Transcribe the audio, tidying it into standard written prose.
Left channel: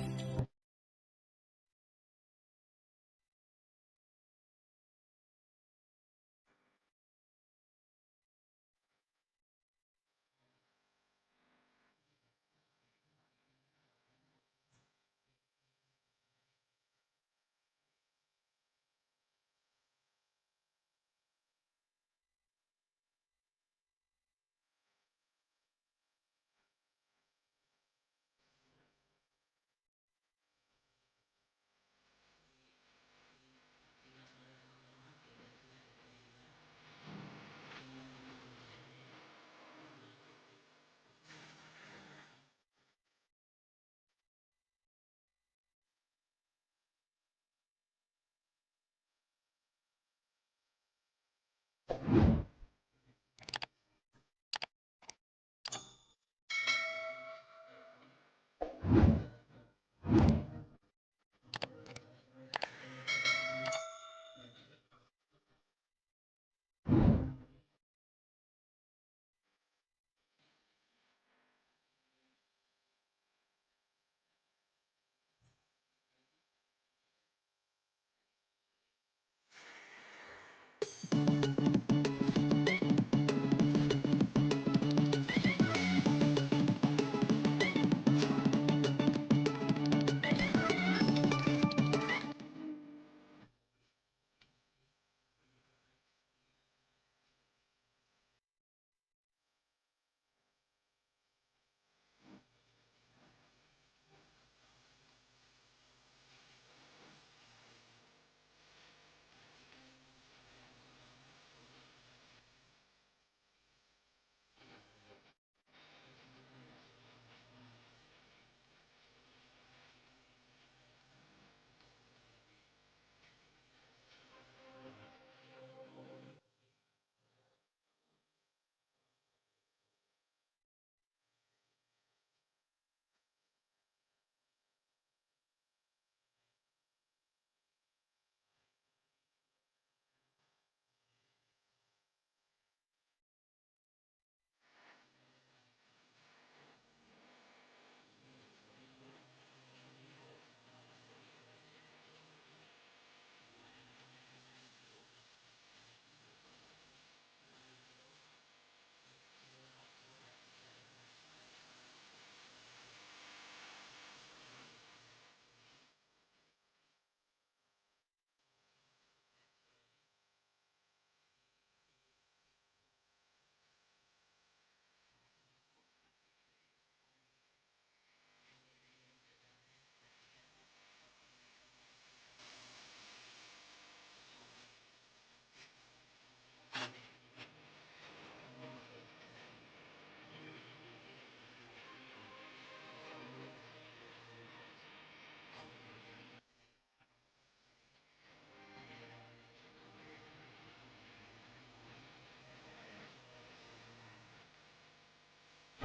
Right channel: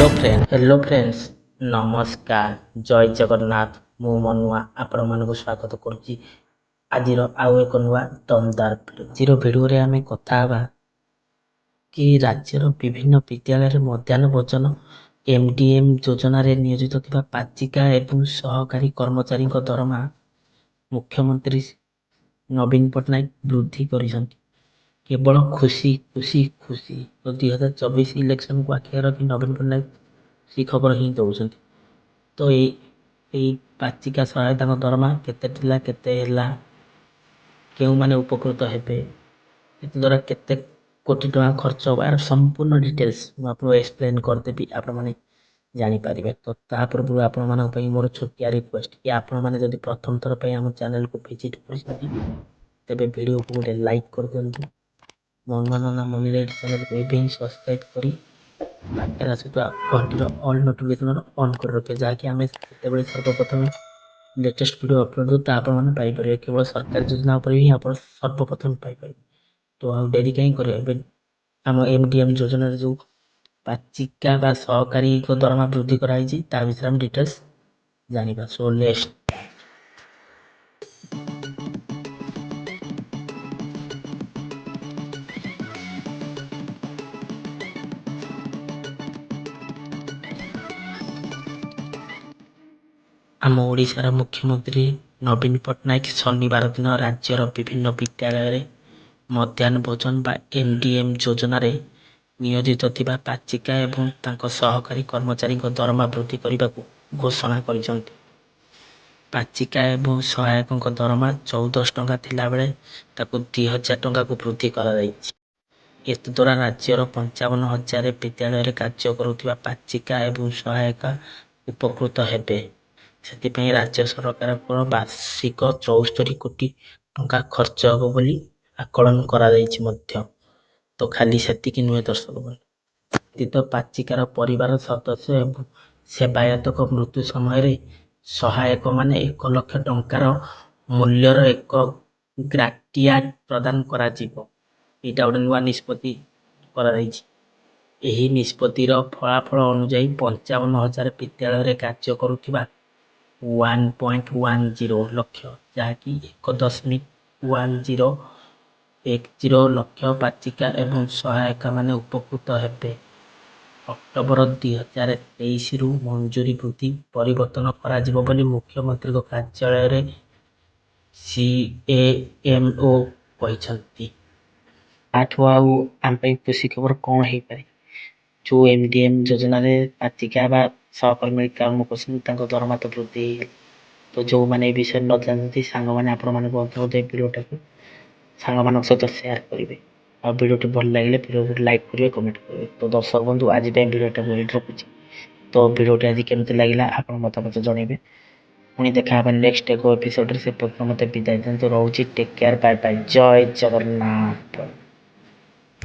Hello friends नमस्कार जय जगन्नाथ मु मनुआ आपण मानक स्वागत करुच्ची आज आउ एक नुआ दमदार भिडियो आम कथा कि राज्यर विभिन्न विद्यालय मध्याह्न भोजन एमडीएम योजन नियोजित थिबा पाचिका एवं सहकारी कर्मचारी दरमा मुख्यमंत्री नवीन पट्टनायक वृद्धि करिसंती। केवल खुशी खुशी खुशी तो 2024 इलेक्शन को आखिर रखी नवीन पट्टनायक सी खबर ही दौरान। तो यही पाचिका सहायता दरमा केते क्यों माने उपकृत हेबे द्वारा केते कोटी टका खर्च हो यार संपूर्ण डिटेल्स मुझे एक्सप्लेन करदेवी आपण मैंने जानीपारे। तो तापूर्व आपण मान मोर छोटिया रिक्वेस्ट कि आपण मैंने जब प्रथम थर पर आम चैनल को विजिट कर वीडियो को गोटे लाइक कर दिंतु मनोरंजन मम्मी चैनल को एवं सब्सक्राइब करी घंटीर ऑल नोटिफिकेशन ऑन कर रखे जहाँकि आम जो सर्वप्रथम लेटेस्ट वीडियो अपलोड तो आपने पाइपर केवल सरकारी योजना पर ही आप सर्वप्रथम पाइपर। तो आ डेरी कहीं कर आम एमडीएम योजन जो पाचिका बा सहकारी दरमा वृद्धि कराई ता विषय हम डिटेल्स जानिबा। सो नेक्स्ट आम ओडिशार मुख्यमंत्री नवीन पट्टनायक शनिवार दिन राज्यर विभिन्न विद्यालय मध्याह्न भोजन बा एमडीएम योजन नियोजित थिबा पाचिका एवं तांको सहकारी कर्मचारी दरमा वृद्धि करने को घोषणा करिसंती। पाचिका एवं सहायक दरमा 1400 टंका थिला बेले ताकू 2000 टंका को वृद्धि करा जायछि। एतद्वारा राज्यर 55,000 विद्यालय कार्य करुथिबा पाचिका एवं सहायक उपकृत हेबे। से राज्य सरकार वार्षिक 74 कोटी टंका खर्च हम बोली आकलन करा जायछि मध्य। तो खाली सेतिकी नुहे दर्शक बंधु पाचिकार परिवार सदस्य एवं सेवायतक मृत्यु समय सहायक माने 1 लाख टंकार मूल्यर एक ग्राटियाट प्रदान करा जीवो। एटा गोटे नुआ निष्पत्ति करा जायछि। एही निष्पत्तिर फलाफल अनुसार 55,000 विद्यालय कार्य करुथिबा 1.10 लक्ष जहाँकि 1.1010 लक्ष पाचिका एवं सहायक माने उपकृत हेबे। अक्टोबर 2023 रु मंजूरी वृद्धि परिवर्तन करा जिवो बोली मुख्यमंत्री को कार्यालय रे सीएमओ कहिसंती। आठो आउ आम खुशी खबर कौन हो पारे जो एमडीएम योजना रे पाचिका बा सहकर्मी काम कर दरमा तो वृद्धि। तो जो मैंने विषय न जानते सांग मैंने आपण मैंने वीडियोटा को सांग मान सहित सेयार करेंगे और वीडियो भल लगे वीडियो लाइक करेंगे कमेंट करेंगे। तो दर्शक बंधु आज वीडियोटा को रखुच्छी। तो वीडियोटी आज केमती लगे आप मतामत जनइबे। पुणी देखा नेक्स्ट एक एपिसोड से मत विदाय दिखाते रोचे। टेक केयर बाय बाय जय जगन्नाथ।